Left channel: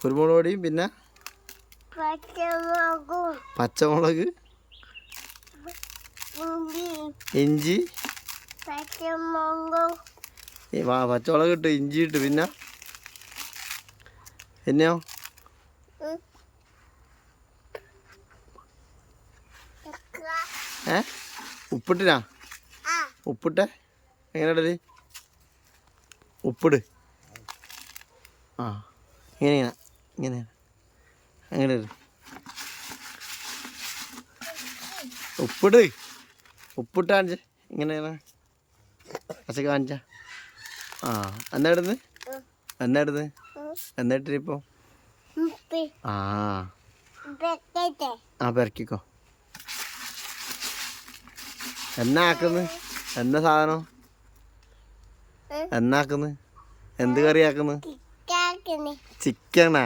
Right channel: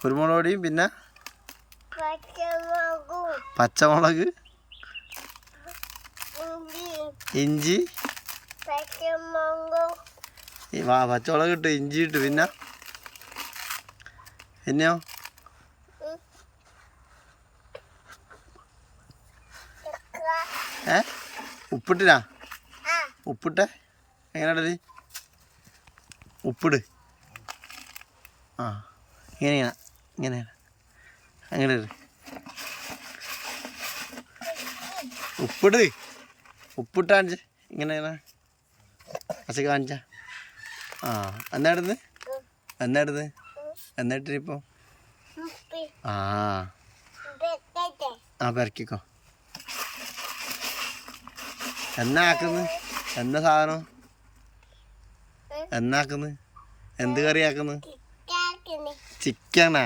കുരുമുളക് പൊടിയും പിന്നെ പച്ചമുളക് ഇഞ്ചി പച്ചമുളക് ഇട്ടു ഇഞ്ചി ഇട്ടു പിന്നെയോ ഉപ്പിട്ടിനാ ഉപ്പിട്ടെ എങ്ങനെ ഇടല് ഉപ്പിട് ഇങ്ങനെ അങ്ങനെ ഉപ്പിട് ഉപ്പിട്ട് കാണിച്ച ഇങ്ങനെ പച്ച കാണിച്ച എന്നിട്ടിപ്പോ പെരക്കിക്കോ എന്നാ സാധനം എന്ത് കറിയാക്കുന്നു ചിക്കനാ